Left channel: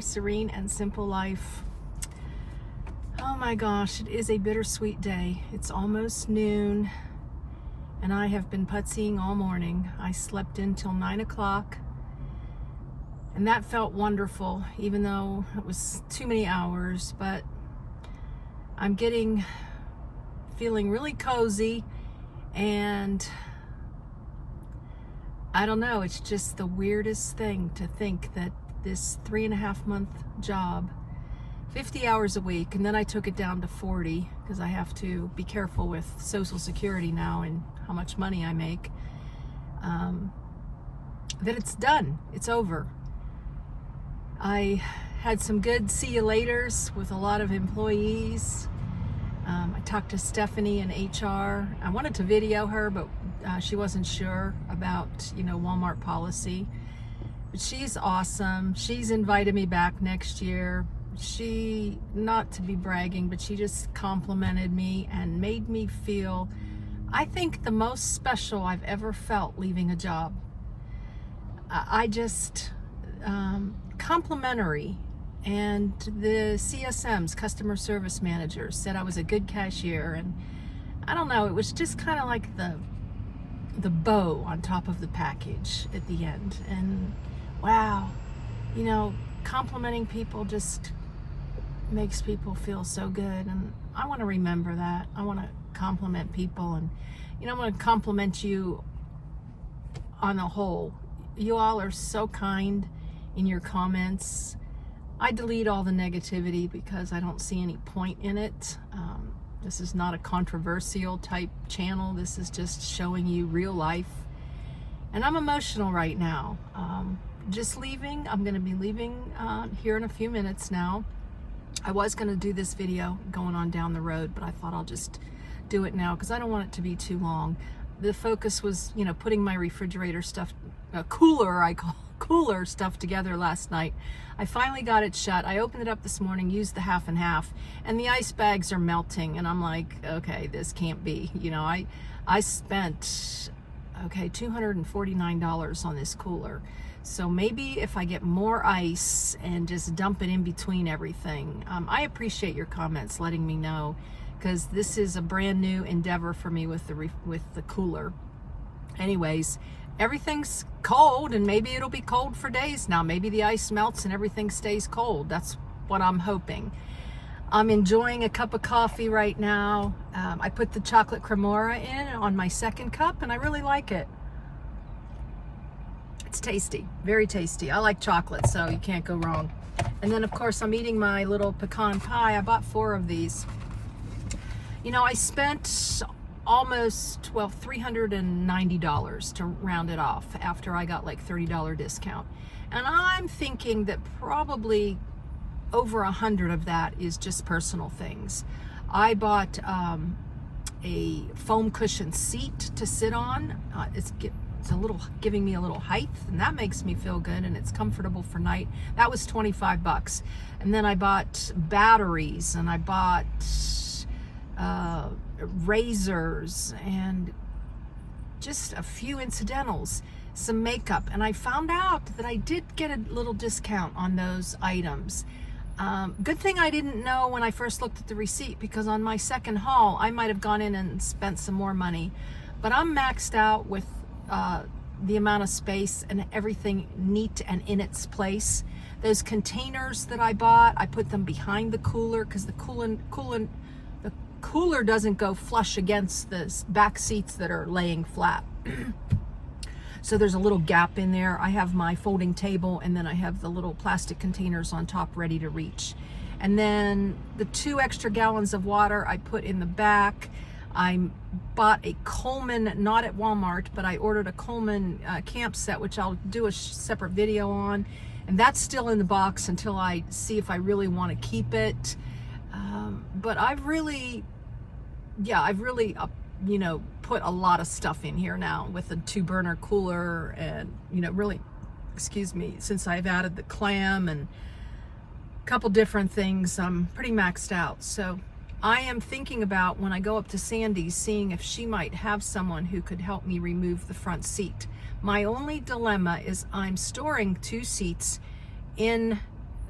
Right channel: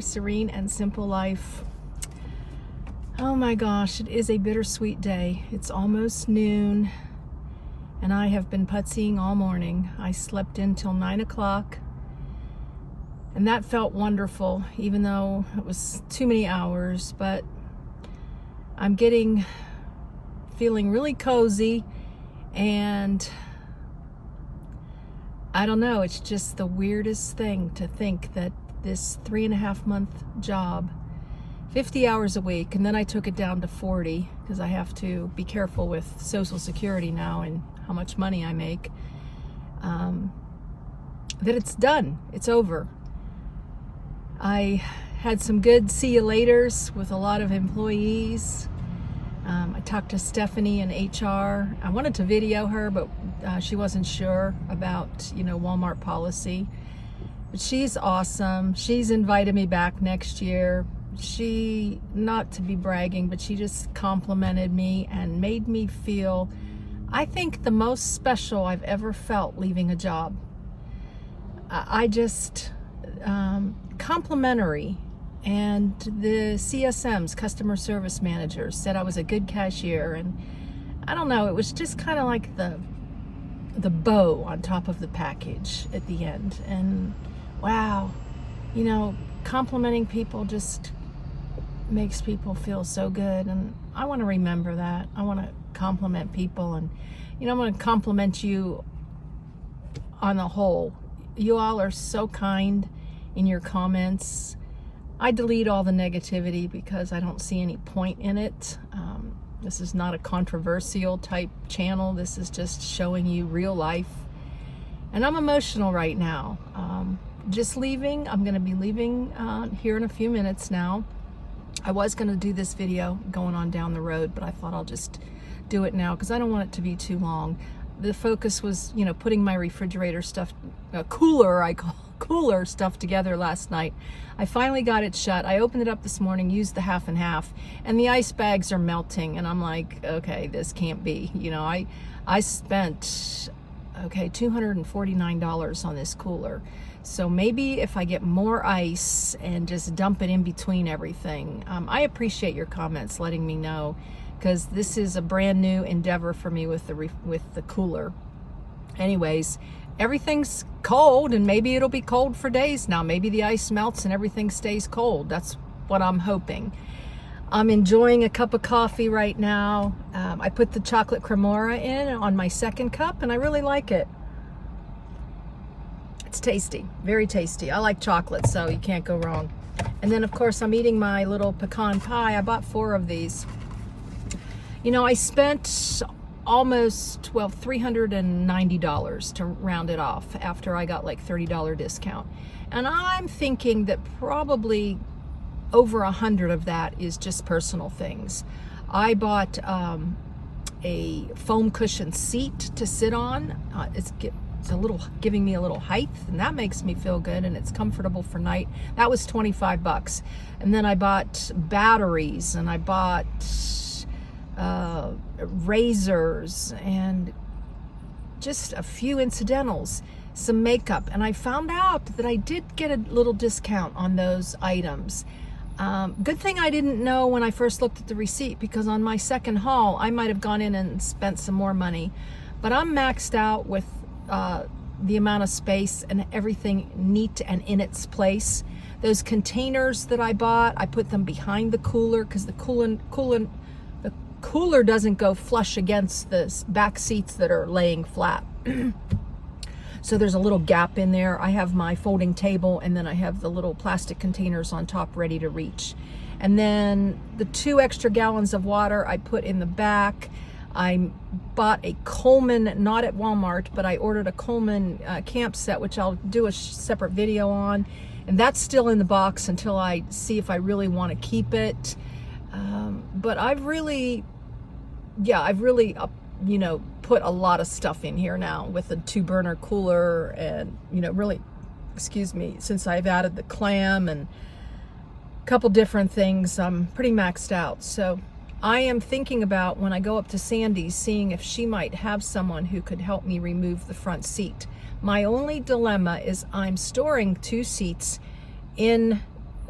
there, Serene and Simple Life. Oh my gosh, it is a bittersweet day. It's almost noon and I have been putsying all morning. I slept in till 9 o'clock and that felt wonderful, even though it was too many hours, but I'm feeling really cozy, and I don't know, it's just the weirdest thing to think that this 3.5-month job, 50 hours a week, and then I took it down to 40 because I have to be careful with Social Security now and how much money I make, that it's done, it's over. I had some good see you laters with a lot of employees. I talked to Stephanie in HR. I wanted to video her, but she wasn't sure about, Walmart policy. But she's awesome. She's invited me back next year. She, not to be bragging, but she just complimented me and made me feel, I think, the most special I've ever felt leaving a job. I just, complimentary. And the CSMs, customer service managers, said I was a good cashier, and I don't know, it was just kind of like the bow on top of the package at the end. And wow, complimenting people just makes people feel so good, and I want to remember that. I want to compliment people, and I want to compliment you on the whole. You all are so kind in your comments. I delete all the negativity because I don't see any point in it. This is not a controversial type channel. This is just showing you real life. And I'm emotional right now. Just leaving. I'm going to be leaving here in a few minutes now. I was going to do this video going on down the road, but I thought I'll just do it now because I don't want it to be too long. The focus was, putting my refrigerator stuff, cooler stuff together last night. I finally got it shut. I opened it up this morning, used the half and half, and the ice bags are melting, and I'm like, okay, this can't be. I spent $249 on this cooler. So maybe if I get more ice and just dump it in between everything. I appreciate your comments letting me know, because this is a brand new endeavor for me with the cooler. Anyways, everything's cold, and maybe it'll be cold for days now. Maybe the ice melts and everything stays cold. That's what I'm hoping. I'm enjoying a cup of coffee right now. I put the chocolate cremora in on my second cup, and I really like it. It's tasty, very tasty. I like chocolate, so you can't go wrong. And then, of course, I'm eating my little pecan pie. I bought 4 of these. I spent almost, $390 to round it off after I got like $30 discount. And I'm thinking that probably over 100 of that is just personal things. I bought a foam cushion seat to sit on. It's giving me a little height, and that makes me feel good, and it's comfortable for night. That was $25. And then I bought batteries, and I bought razors, and just a few incidentals, some makeup, and I found out that I did get a little discount on those items. Good thing I didn't know when I first looked at the receipt, because on my second haul I might have gone in and spent some more money, but I'm maxed out with the amount of space and everything neat and in its place. Those containers that I bought, I put them behind the cooler because the cooler doesn't go flush against the back seats that are laying flat. So there's a little gap in there. I have my folding table, and then I have the little plastic containers on top ready to reach. And then the 2 extra gallons of water I put in the back. I bought a Coleman, not at Walmart, but I ordered a Coleman camp set, which I'll do a separate video on. And that's still in the box until I see if I really want to keep it. But I've really put a lot of stuff in here now with the 2-burner cooler, and since I've added the clam and a couple different things, I'm pretty maxed out. So I am thinking about, when I go up to Sandy's, seeing if she might have someone who could help me remove the front seat. My only dilemma is I'm storing 2 seats in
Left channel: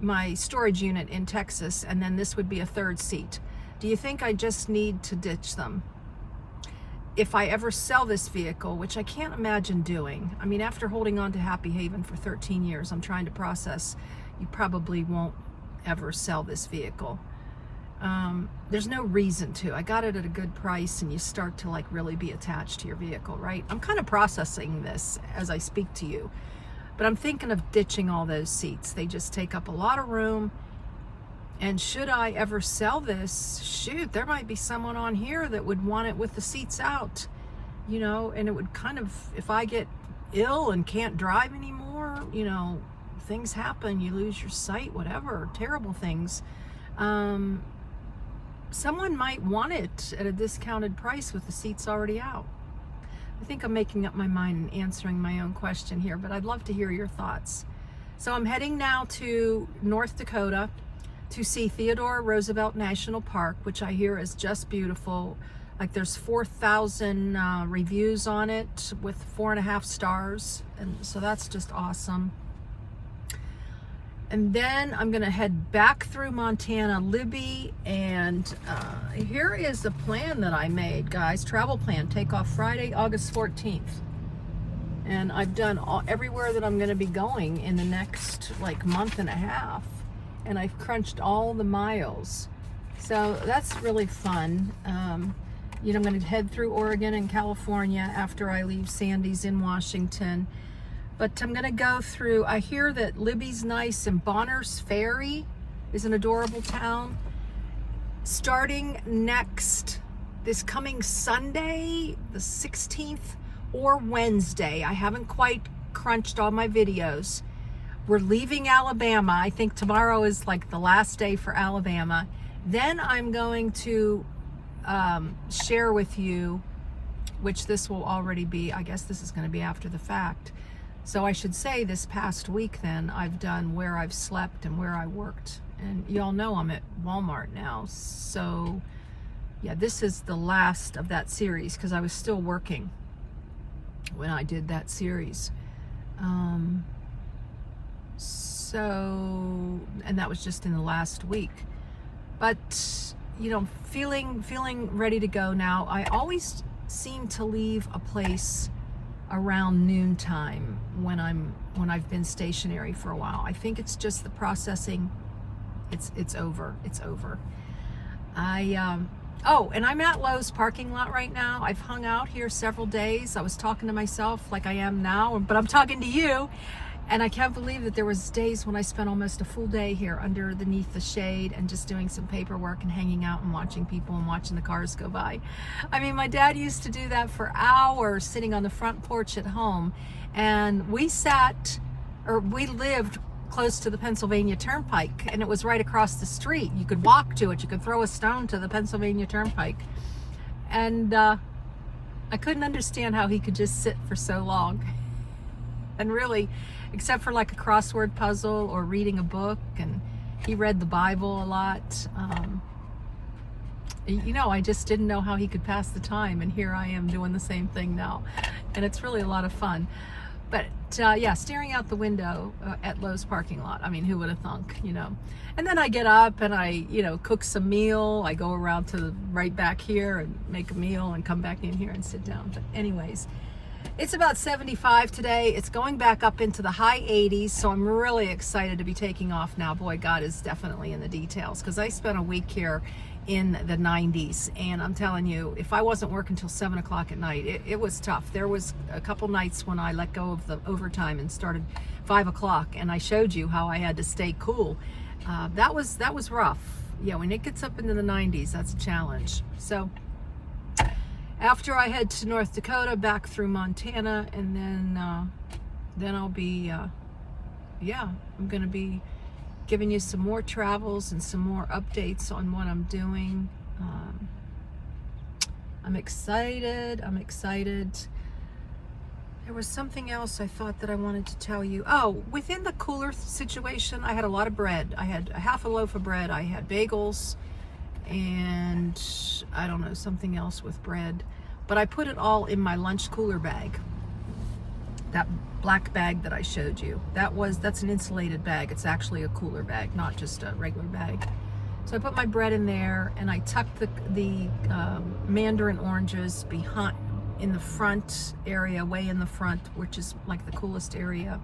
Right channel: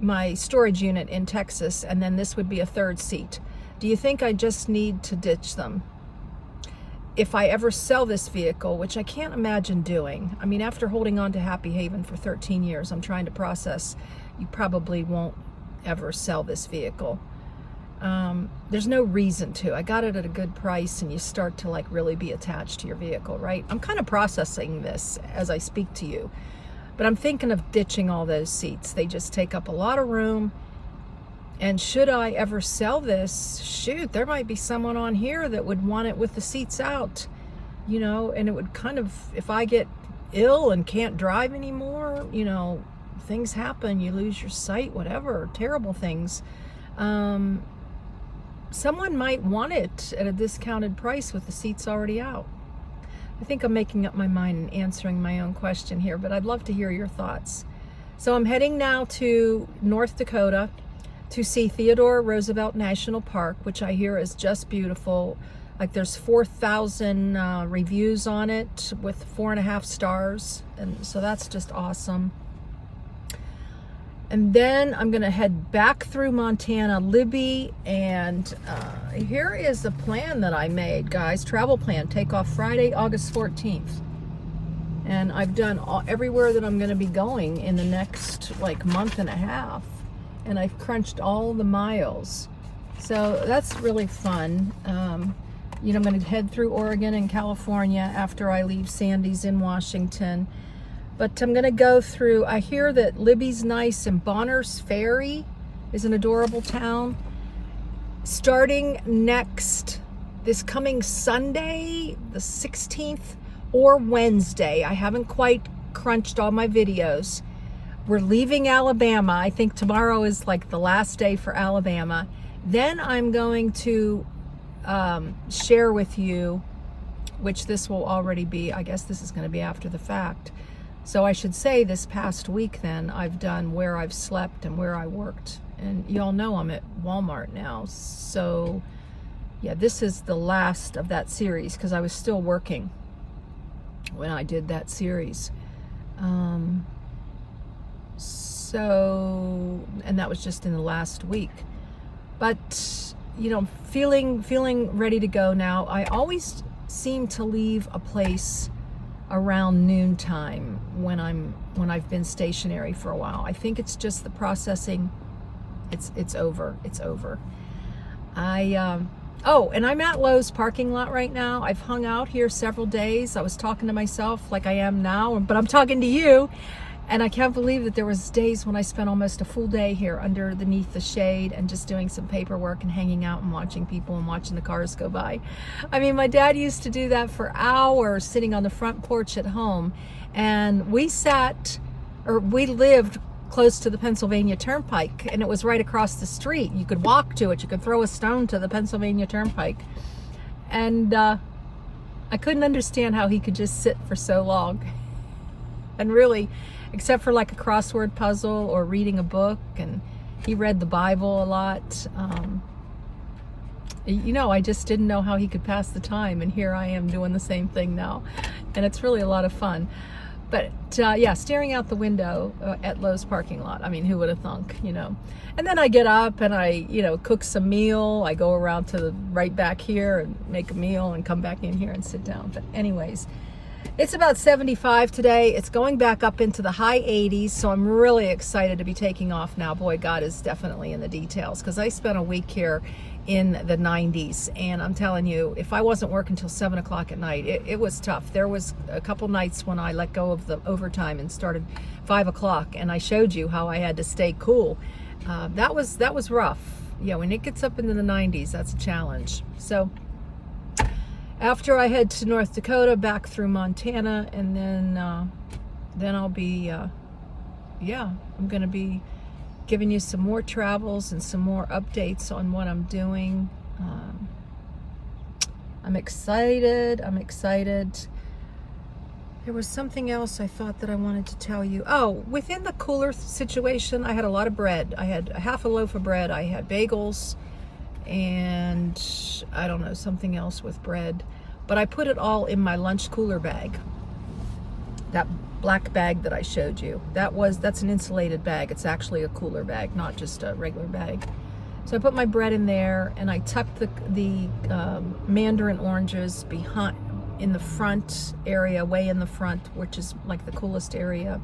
my storage unit in Texas, and then this would be a third seat. Do you think I just need to ditch them? If I ever sell this vehicle, which I can't imagine doing. I mean, after holding on to Happy Haven for 13 years, I'm trying to process, you probably won't ever sell this vehicle. There's no reason to. I got it at a good price, and you start to like really be attached to your vehicle, right? I'm kind of processing this as I speak to you, but I'm thinking of ditching all those seats. They just take up a lot of room. And should I ever sell this, shoot, there might be someone on here that would want it with the seats out, you know, and it would kind of, if I get ill and can't drive anymore, you know, things happen, you lose your sight, whatever, terrible things. Someone might want it at a discounted price with the seats already out. I think I'm making up my mind and answering my own question here, but I'd love to hear your thoughts. So I'm heading now to North Dakota to see Theodore Roosevelt National Park, which I hear is just beautiful. Like there's 4,000 reviews on it with 4.5 stars. And so that's just awesome. And then I'm gonna head back through Montana, Libby, and here is a plan that I made, guys. Travel plan, take off Friday, August 14th. And I've done everywhere that I'm gonna be going in the next like month and a half. And I've crunched all the miles. So that's really fun. You know, I'm gonna head through Oregon and California after I leave Sandy's in Washington. But I'm gonna go through, I hear that Libby's nice, and Bonner's Ferry is an adorable town. Starting this coming Sunday, the 16th, or Wednesday, I haven't quite crunched all my videos. We're leaving Alabama. I think tomorrow is like the last day for Alabama. Then I'm going to share with you, which this will already be, I guess this is going to be after the fact. So I should say this past week then, I've done where I've slept and where I worked. And you all know I'm at Walmart now. So yeah, this is the last of that series because I was still working when I did that series. So, and that was just in the last week. But, you know, feeling ready to go now. I always seem to leave a place around noontime when I've been stationary for a while. I think it's just the processing. It's over. Oh, and I'm at Lowe's parking lot right now. I've hung out here several days. I was talking to myself like I am now, but I'm talking to you. And I can't believe that there was days when I spent almost a full day here underneath the shade and just doing some paperwork and hanging out and watching people and watching the cars go by. I mean, my dad used to do that for hours sitting on the front porch at home. And we lived close to the Pennsylvania Turnpike, and it was right across the street. You could walk to it. You could throw a stone to the Pennsylvania Turnpike. And I couldn't understand how he could just sit for so long. And really, except for like a crossword puzzle or reading a book, and he read the Bible a lot. You know, I just didn't know how he could pass the time, and here I am doing the same thing now. And it's really a lot of fun. But yeah, staring out the window at Lowe's parking lot. I mean, who would have thunk, you know? And then I get up and I, you know, cook some meal. I go around to the right back here and make a meal and come back in here and sit down. But anyways, it's about 75 today. It's going back up into the high 80s. So I'm really excited to be taking off now. Boy, God is definitely in the details, because I spent a week here in the 90s, and I'm telling you, if I wasn't working till 7 o'clock at night, it was tough. There was a couple nights when I let go of the overtime and started 5 o'clock, and I showed you how I had to stay cool. That was rough. Yeah, when it gets up into the 90s, that's a challenge. So after I head to North Dakota, back through Montana, and then I'll be yeah, I'm gonna be giving you some more travels and some more updates on what I'm doing. I'm excited. There was something else I thought that I wanted to tell you. Oh, within the cooler situation, I had a lot of bread. I had a half a loaf of bread. I had bagels and I don't know, something else with bread. But I put it all in my lunch cooler bag that black bag that I showed you. That's an insulated bag. It's actually a cooler bag, not just a regular bag. So I put my bread in there, and I tucked the mandarin oranges behind, in the front area, way in the front, which is like the coolest area.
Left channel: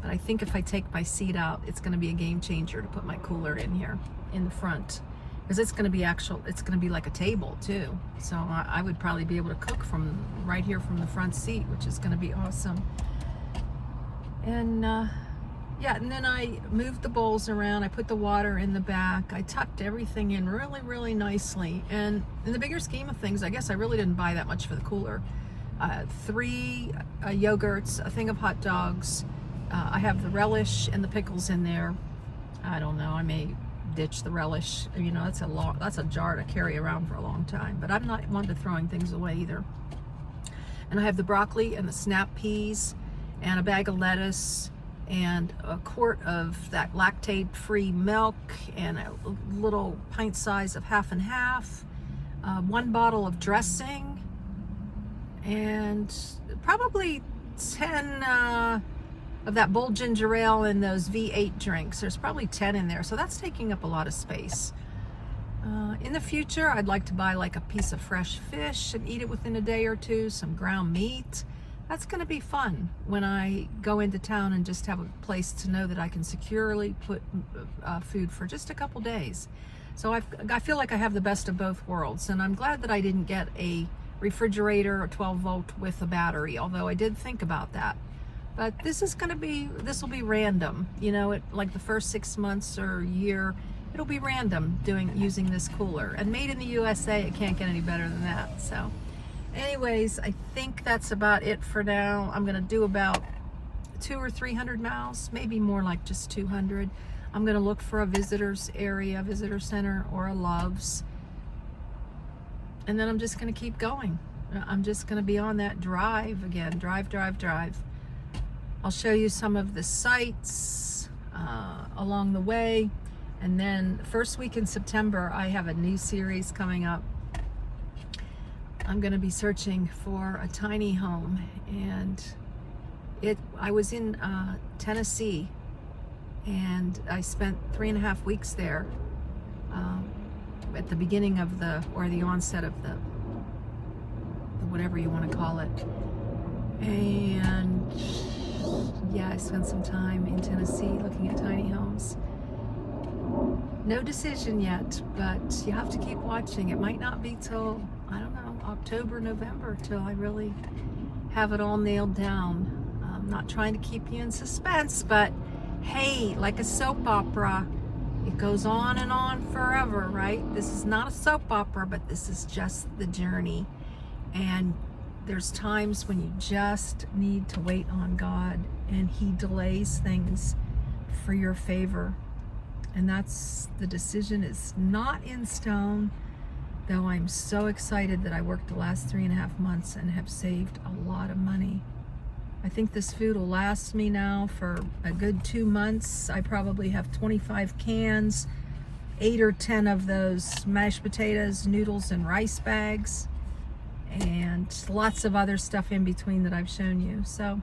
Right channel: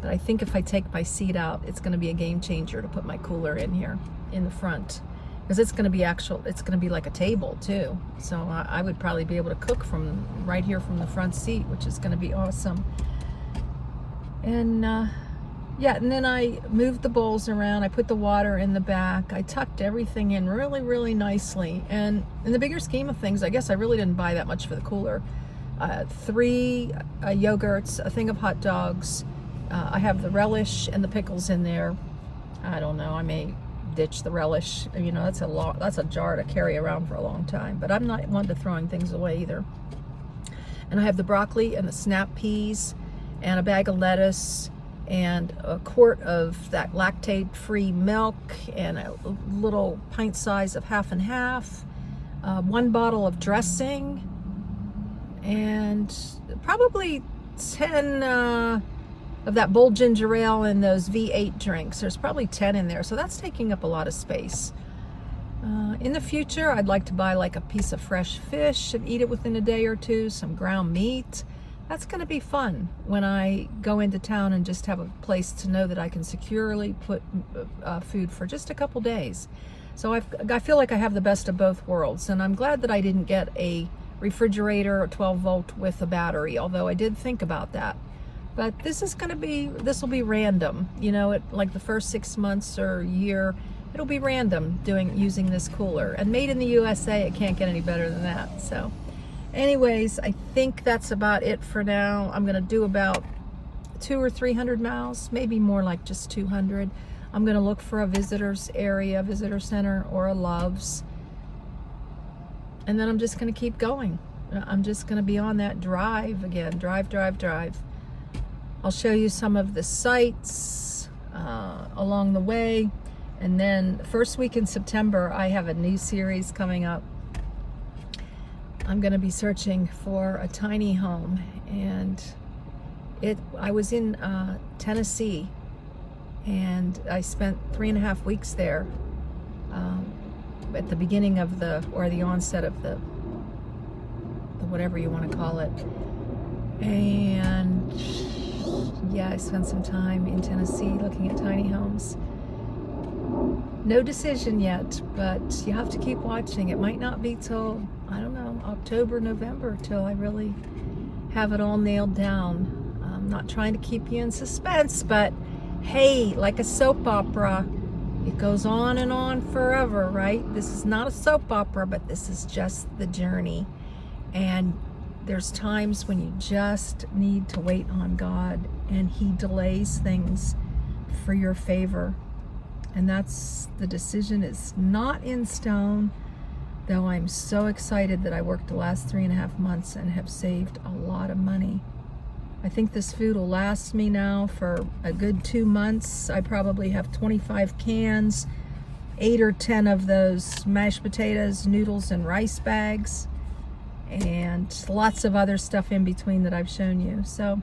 But I think if I take my seat out, it's going to be a game changer to put my cooler in here in the front, because it's going to be like a table too. So I would probably be able to cook from right here from the front seat, which is going to be awesome. And yeah, and then I moved the bowls around. I put the water in the back. I tucked everything in really, really nicely. And in the bigger scheme of things, I guess I really didn't buy that much for the cooler. 3 yogurts, a thing of hot dogs. I have the relish and the pickles in there. I don't know, I may ditch the relish. You know, that's a jar to carry around for a long time. But I'm not one to throwing things away either. And I have the broccoli and the snap peas and a bag of lettuce and a quart of that lactate-free milk and a little pint size of half and half, 1 bottle of dressing, and probably 10 of that bold ginger ale and those V8 drinks. There's probably 10 in there, so that's taking up a lot of space. In the future, I'd like to buy like a piece of fresh fish and eat it within a day or two, some ground meat. That's going to be fun when I go into town and just have a place to know that I can securely put food for just a couple days. So I feel like I have the best of both worlds, and I'm glad that I didn't get a refrigerator or 12 volt with a battery, although I did think about that. But this will be random, you know, like the first 6 months or year, it'll be random using this cooler. And made in the USA, it can't get any better than that. So anyways, I think that's about it for now. I'm gonna do about 200 or 300 miles, maybe more like just 200. I'm gonna look for a visitor center, or a Love's. And then I'm just gonna keep going. I'm just gonna be on that drive again, drive. I'll show you some of the sights along the way. And then the first week in September, I have a new series coming up. I'm going to be searching for a tiny home, and I was in Tennessee, and I spent 3.5 weeks there at the beginning of the onset of the whatever you want to call it. And yeah, I spent some time in Tennessee looking at tiny homes. No decision yet, but you have to keep watching. It might not be till, I don't know, October, November, till I really have it all nailed down. I'm not trying to keep you in suspense, but hey, like a soap opera, it goes on and on forever, right? This is not a soap opera, but this is just the journey. And there's times when you just need to wait on God, and He delays things for your favor. And that's, the decision is not in stone, though I'm so excited that I worked the last 3.5 months and have saved a lot of money. I think this food will last me now for a good 2 months. I probably have 25 cans, 8 or 10 of those mashed potatoes, noodles, and rice bags, and lots of other stuff in between that I've shown you. So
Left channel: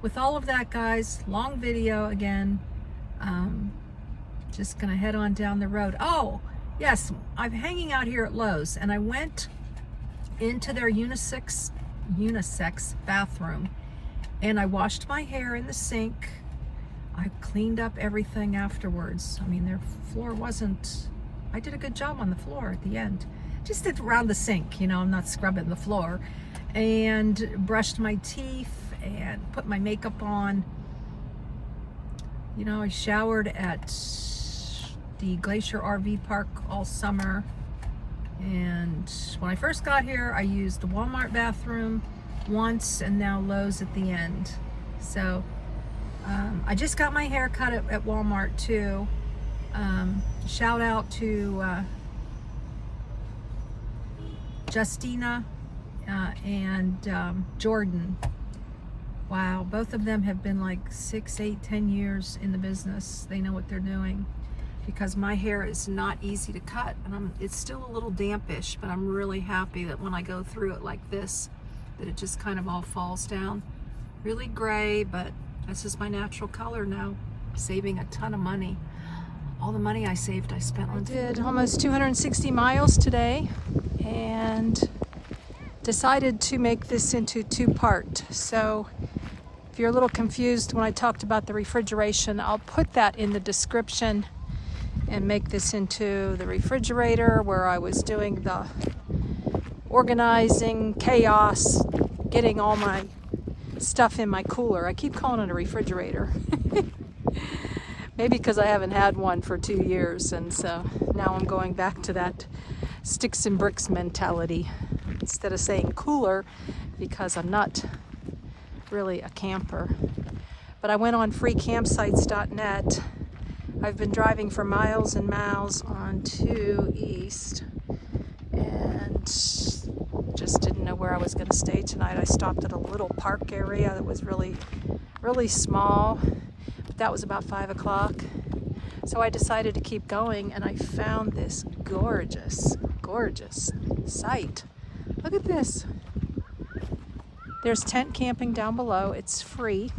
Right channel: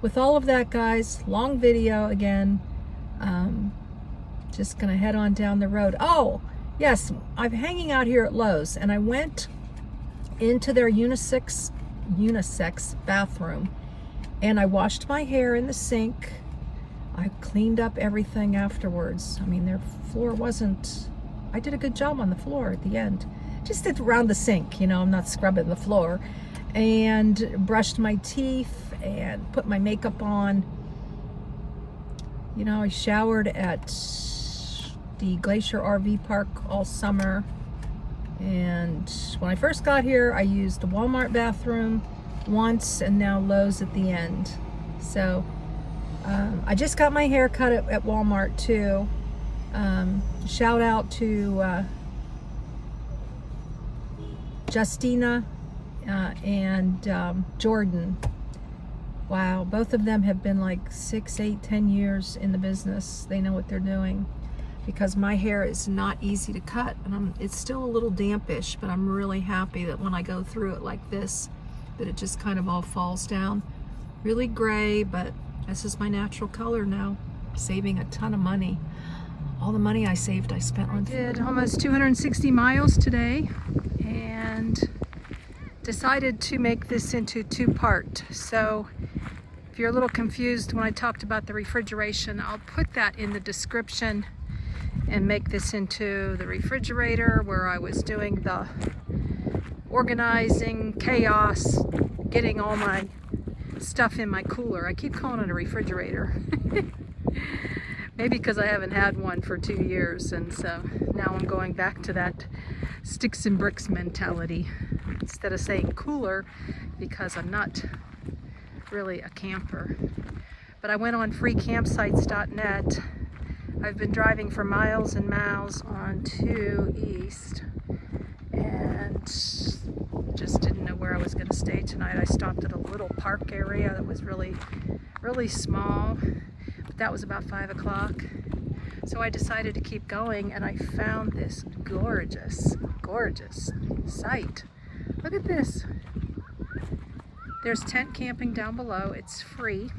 with all of that, guys, long video again. Just gonna head on down the road. Oh, yes, I'm hanging out here at Lowe's, and I went into their unisex bathroom, and I washed my hair in the sink. I cleaned up everything afterwards. I mean, their floor wasn't, I did a good job on the floor at the end. Just did around the sink, you know, I'm not scrubbing the floor. And brushed my teeth and put my makeup on. You know, I showered at the Glacier RV Park all summer. And when I first got here, I used the Walmart bathroom once, and now Lowe's at the end. So I just got my hair cut at Walmart too. Shout out to Justina and Jordan. Wow, both of them have been like 6, 8, 10 years in the business. They know what they're doing, because my hair is not easy to cut, and it's still a little dampish, but I'm really happy that when I go through it like this, that it just kind of all falls down. really gray, but this is my natural color now. Saving a ton of money. All the money I saved, I spent on. I did almost 260 miles today and decided to make this into two-part. So if you're a little confused when I talked about the refrigeration, I'll put that in the description and make this into the refrigerator where I was doing the organizing, chaos, getting all my stuff in my cooler. I keep calling it a refrigerator. Maybe because I haven't had one for 2 years, and so now I'm going back to that sticks and bricks mentality instead of saying cooler, because I'm not really a camper. But I went on freecampsites.net. I've been driving for miles and miles on 2 East and just didn't know where I was going to stay tonight. I stopped at a little park area that was really small, but that was about 5 o'clock. So I decided to keep going, and I found this gorgeous site. Look at this. There's tent camping down below. It's free.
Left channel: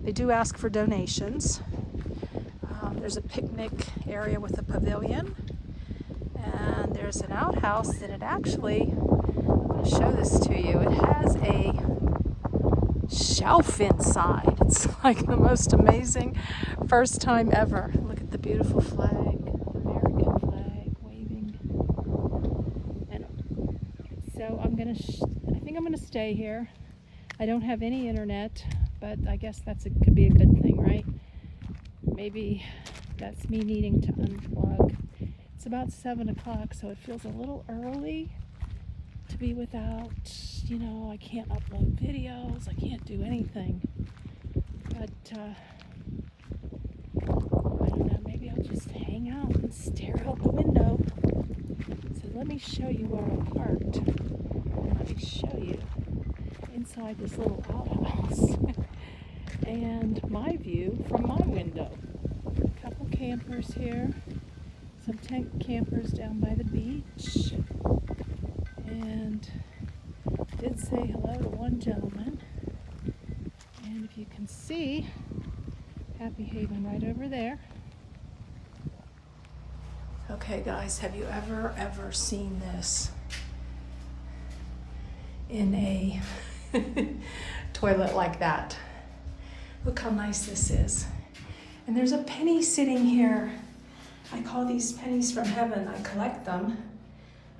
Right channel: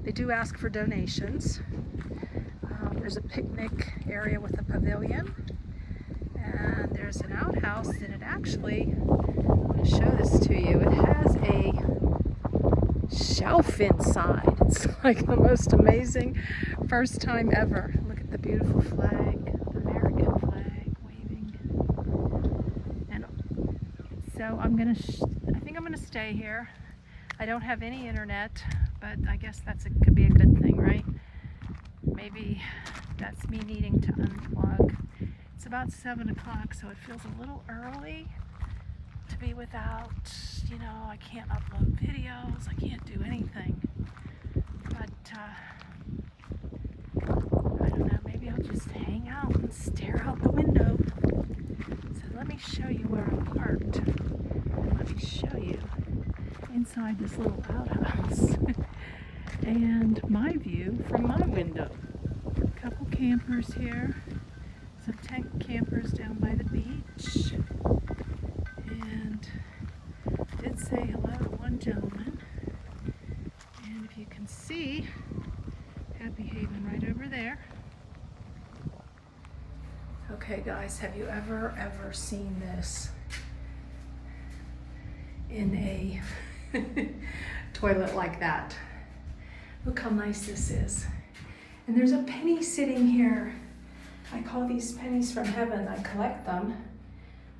They do ask for donations. There's a picnic area with a pavilion, and there's an outhouse that it actually, let me show this to you, it has a shelf inside. It's like the most amazing first time ever. Look at the beautiful flag, the American flag waving. And so I think I'm gonna stay here. I don't have any internet, but I guess could be a good thing, right? Maybe that's me needing to unplug. It's about 7 o'clock, so it feels a little early to be without, I can't upload videos, I can't do anything. But, I don't know, maybe I'll just hang out and stare out the window. So let me show you where I'm parked. And let me show you inside this little outhouse. And my view from my window. A couple campers here, some tent campers down by the beach, and I did say hello to one gentleman, and if you can see, Happy Haven right over there. Okay guys, have you ever seen this in a toilet like that? Look how nice this is. And there's a penny sitting here. I call these pennies from heaven. I collect them.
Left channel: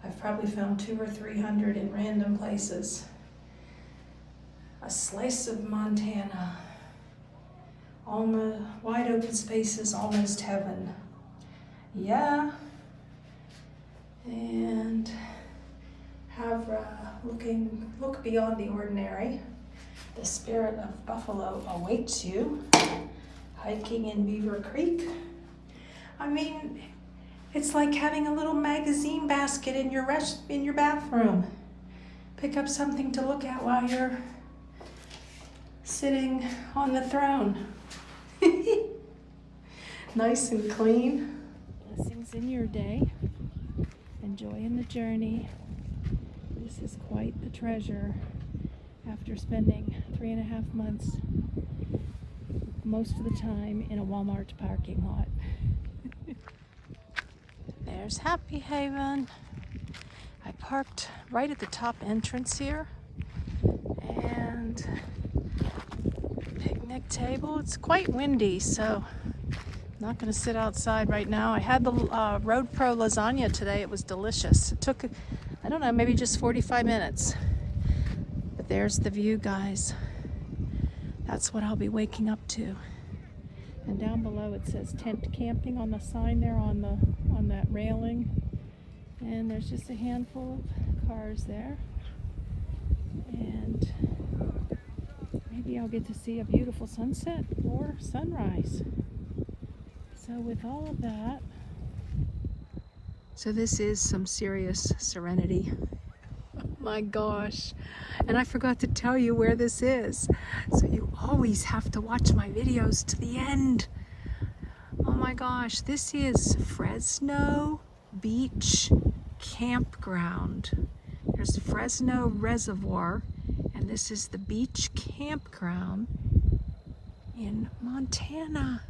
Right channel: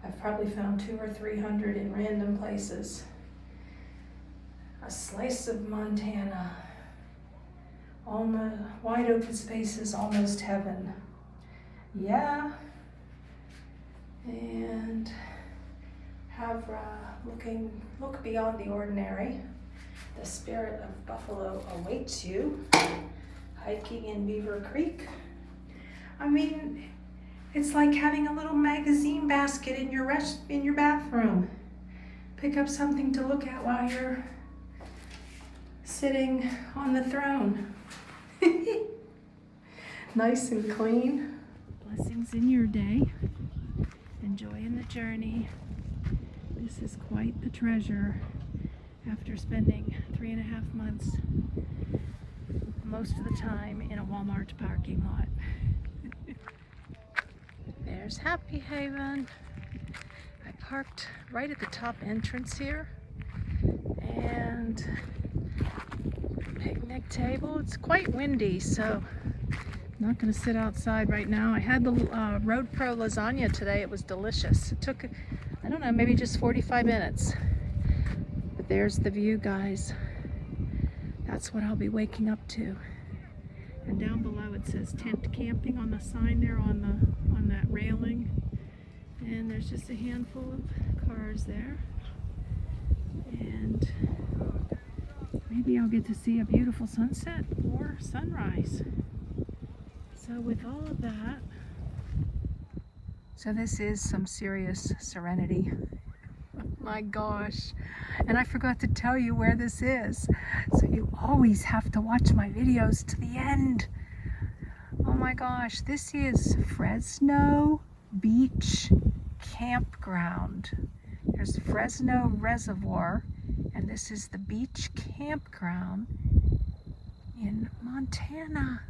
I've probably found 200 or 300 in random places. A slice of Montana. Wide open spaces, almost heaven. Yeah. And have look beyond the ordinary. The spirit of buffalo awaits you. Hiking in Beaver Creek. I mean, it's like having a little magazine basket in your bathroom. Pick up something to look at while you're sitting on the throne. Nice and clean. Blessings in your day. Enjoying the journey. This is quite the treasure after spending 3.5 months most of the time in a Walmart parking lot. There's Happy Haven. I parked right at the top entrance here, and picnic table. It's quite windy, so I'm not going to sit outside right now. I had the Road Pro lasagna today. It was delicious. It took, I don't know, maybe just 45 minutes. But there's the view, guys. That's what I'll be waking up to. And down below it says tent camping on the sign there on that railing. And there's just a handful of cars there. And maybe I'll get to see a beautiful sunset or sunrise. So with all of that, so this is some serious serenity. Oh my gosh. And I forgot to tell you where this is. So you always have to watch my videos to the end. Oh my gosh, this is Fresno Beach Campground. There's Fresno Reservoir, And this is the beach campground in Montana,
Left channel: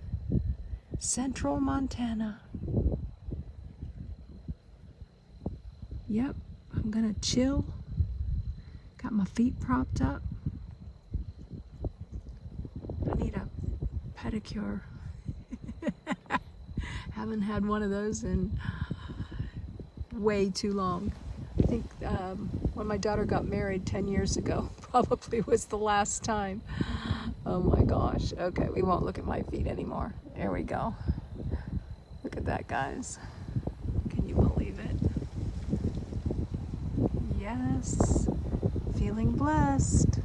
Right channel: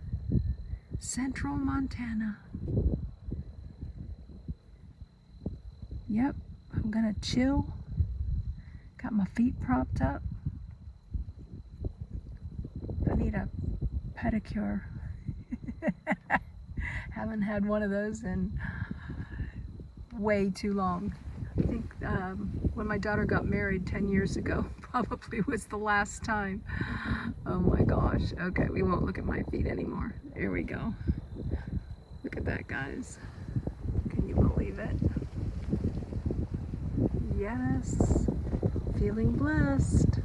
central Montana. Yep, I'm gonna chill. Got my feet propped up. I need a pedicure. Haven't had one of those in way too long. I think when my daughter got married 10 years ago, probably was the last time. Oh my gosh. Okay, we won't look at my feet anymore. There we go. Look at that, guys. Can you believe it? Yes. Feeling blessed.